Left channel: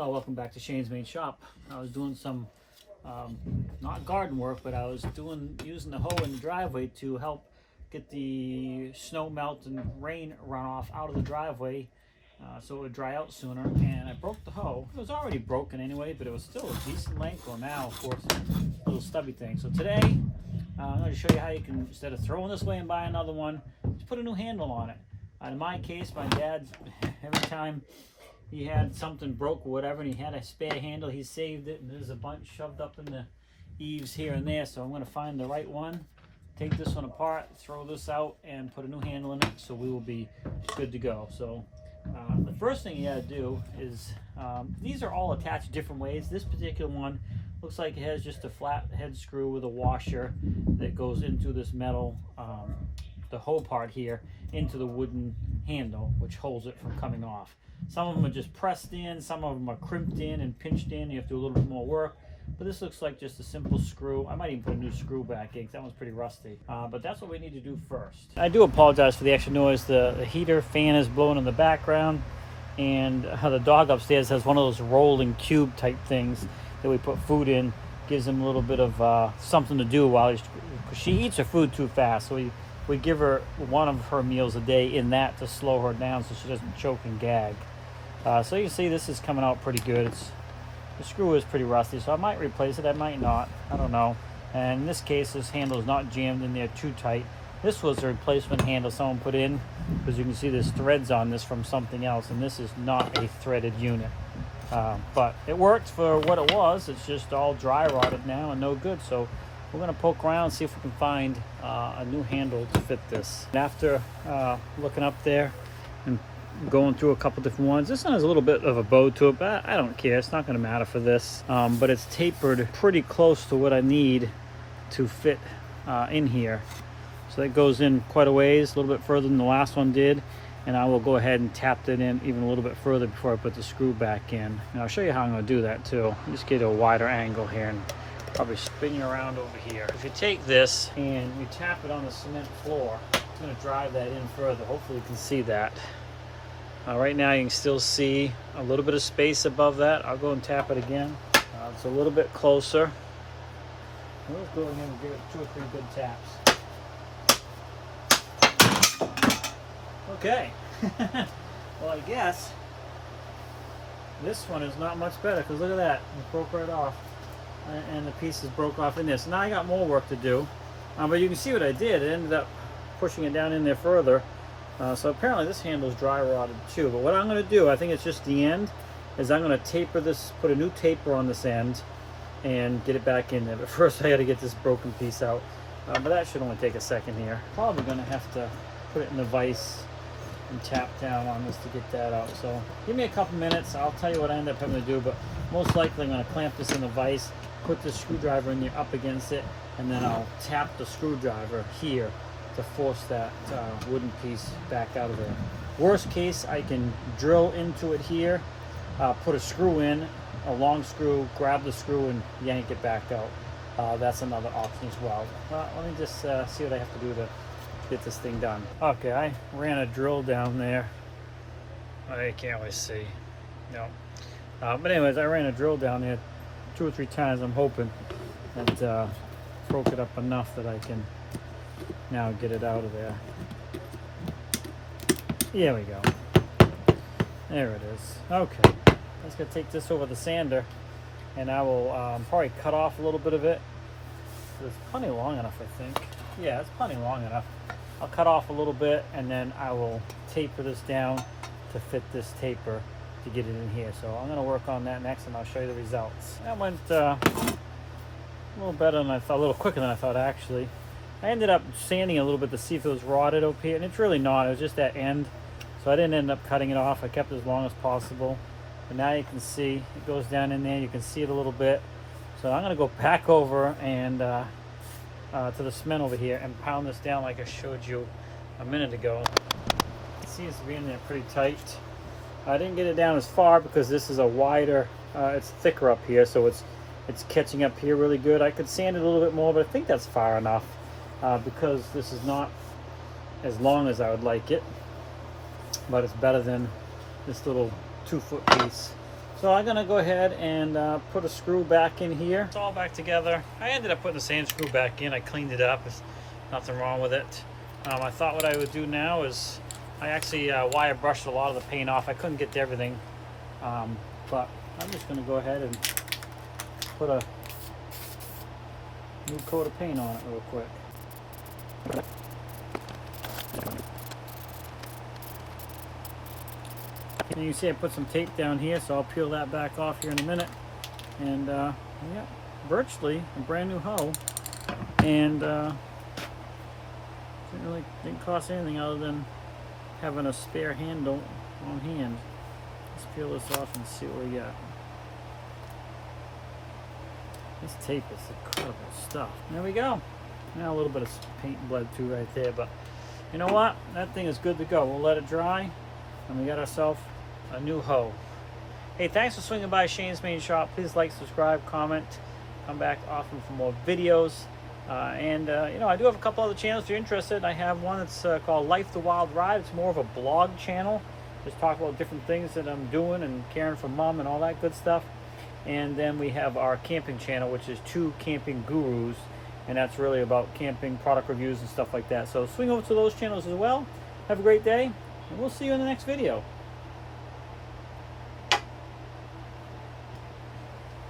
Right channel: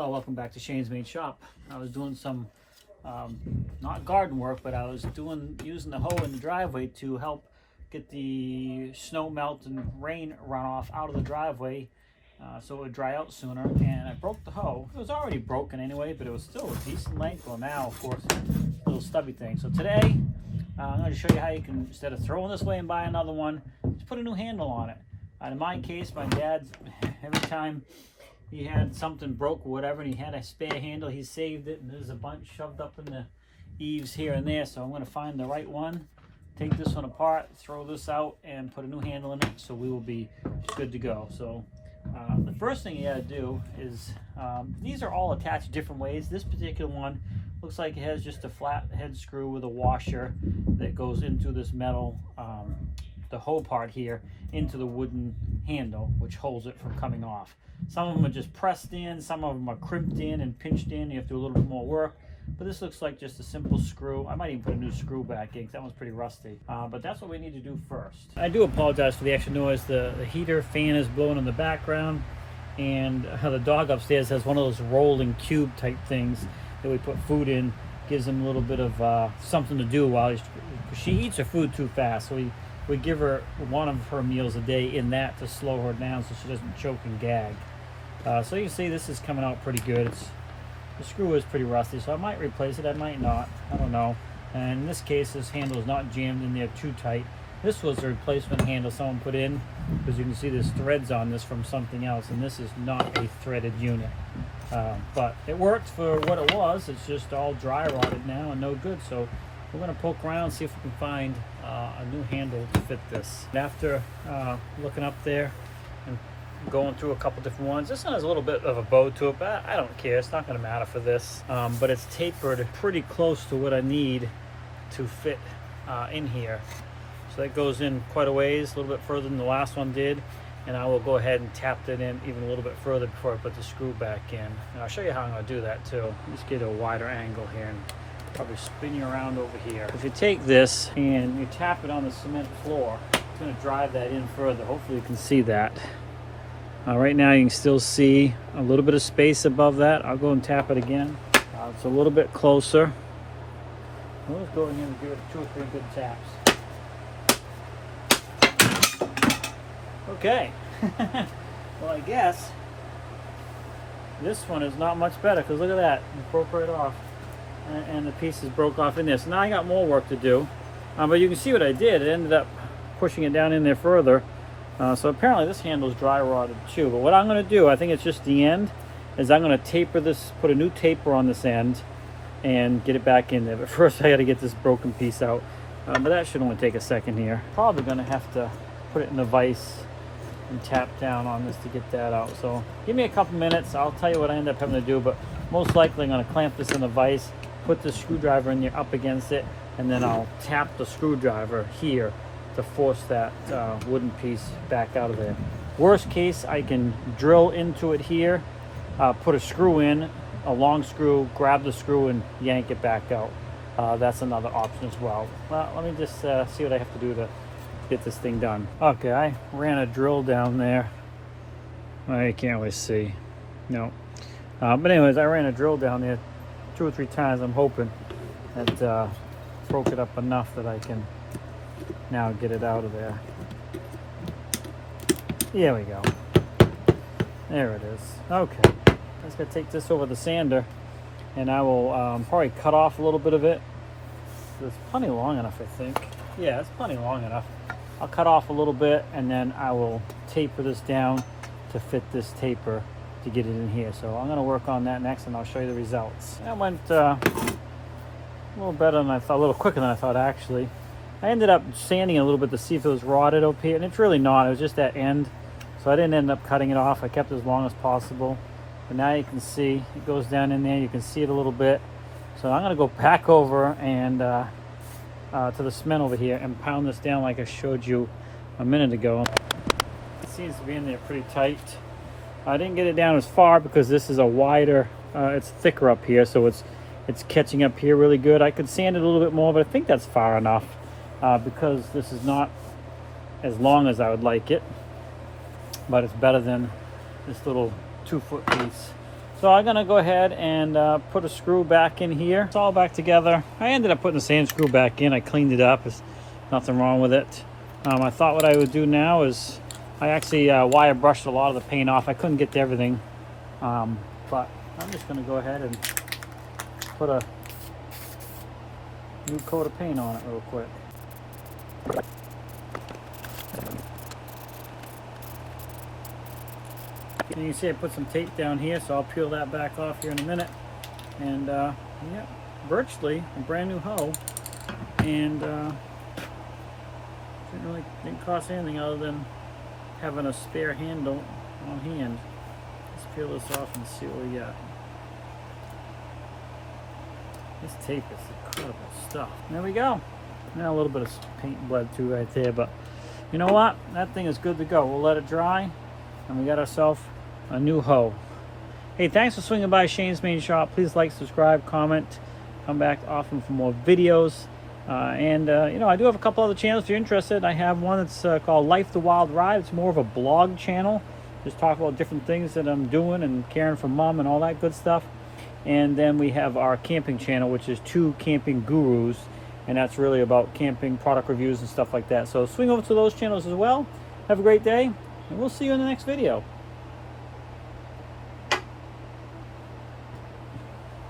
Well, welcome back to Shane's Main Shop. I was doing some, not garden work, but I was using the hoe in the driveway to help get the snow melt and rain runoff out of the driveway so it would dry out sooner. And I broke the hoe. It was already broken anyway, but it was still a decent length. Well, now, of course, a little stubby thing. So today, I'm going to show you how you can, instead of throwing this away and buy another one, just put a new handle on it. In my case, my dad, every time he had something broke or whatever and he had a spare handle, he saved it, and there's a bunch shoved up in the eaves here and there. So I'm going to find the right one, take this one apart, throw this out, and put a new handle in it, so we will be good to go. So the first thing you got to do is, these are all attached different ways. This particular one looks like it has just a flat head screw with a washer that goes into this metal, the hoe part here, into the wooden handle, which holds it from coming off. Some of them are just pressed in, some of them are crimped in and pinched in. You have to do a little bit more work, but this looks like just a simple screw. I might even put a new screw back in because that one's pretty rusty, but that's what we need to do first. I do apologize for the extra noise. The heater fan is blowing in the background, and the dog upstairs has one of those rolling cube type things that we put food in. Gives him a little bit of something to do while she eats her food too fast, so we give her one of her meals a day in that to slow her down so she doesn't choke and gag. So you can see this is coming out pretty good. The screw is pretty rusty, so I might replace it, I might not, I don't know. And in this case, this handle is not jammed in there too tight. This was a replacement handle someone put in, because you can see there's threads on this from something else, and this is not a threaded unit. But it worked for what it was. It's just all dry rotted now and no good. So we're going to poke around and see if we can find a new handle to fit this. After looking up there and going through a couple different ones, this one has a little bit of a bow to it, but I don't care. It's not going to matter for this. But it's tapered pretty close to what I need to fit in here. So it goes in quite a ways, a little bit further than the last one did. And I will go ahead and tap it in even a little bit further before I put the screw back in. And I'll show you how I'm going to do that too. Just get a wider angle here and probably spin you around over here. If you take this and you tap it on the cement floor, it's going to drive that in further. Hopefully you can see that. Right now you can still see a little bit of space above that. I'll go and tap it again. It's a little bit closer. We'll just go in here and give it 2 or 3 good taps. Okay. Well, I guess this one is not much better, because look at that. It broke right off. And the pieces broke off in there. So now I got more work to do. But you can see what I did. It ended up pushing it down in there further. So apparently this handle is dry rotted too. But what I'm going to do, I think it's just the end, is I'm going to taper this, put a new taper on this end and get it back in there. But first I got to get this broken piece out. But that should only take a second here. Probably going to have to put it in a vise and tap down on this to get that out. So give me a couple minutes. I'll tell you what I end up having to do, but most likely I'm going to clamp this in the vise, put the screwdriver in there up against it, and then I'll tap the screwdriver here to force that wooden piece back out of there. Worst case, I can drill into it here, put a screw in, a long screw, grab the screw and yank it back out. That's another option as well. Well, let me just see what I have to do to get this thing done. Okay, I ran a drill down there. I can't always see. No. But anyways, I ran a drill down there 2 or 3 times. I'm hoping that broke it up enough that I can now get it out of there. Here we go. There it is. Okay. I'm just gonna take this over the sander, and I will probably cut off a little bit of it. It's plenty long enough, I think. Yeah, it's plenty long enough. I'll cut off a little bit, and then I will taper this down to fit this taper to get it in here. So I'm going to work on that next, and I'll show you the results. That went a little better than I thought, a little quicker than I thought, actually. I ended up sanding a little bit to see if it was rotted up here, and it's really not. It was just that end, so I didn't end up cutting it off. I kept it as long as possible. And now you can see it goes down in there. You can see it a little bit. So I'm going to go back over and to the cement over here and pound this down like I showed you a minute ago. It seems to be in there pretty tight. I didn't get it down as far because this is a wider, it's thicker up here, so it's catching up here really good. I could sand it a little bit more, but I think that's far enough because this is not as long as I would like it, but it's better than this little 2-foot piece. So I'm gonna go ahead and put a screw back in here. It's all back together. I ended up putting the same screw back in. I cleaned it up. There's nothing wrong with it. I thought what I would do now is I actually wire brushed a lot of the paint off. I couldn't get to everything, but I'm just gonna go ahead and put a new coat of paint on it real quick. And you see I put some tape down here, so I'll peel that back off here in a minute. And yeah, virtually a brand new hoe, and didn't cost anything other than having a spare handle on hand. Let's peel this off and see what we got. This tape is incredible stuff. There we go. Now a little bit of paint bled too right there, but you know what? That thing is good to go. We'll let it dry, and we got ourselves a new hoe. Hey, thanks for swinging by Shane's Main Shop. Please like, subscribe, comment, come back often for more videos. You know, I do have a couple other channels if you're interested. I have one that's called Life the Wild Ride. It's more of a blog channel. Just talk about different things that I'm doing and caring for mom and all that good stuff. And then we have our camping channel, which is Two Camping Gurus, and that's really about camping product reviews and stuff like that. So swing over to those channels as well. Have a great day, and we'll see you in the next video.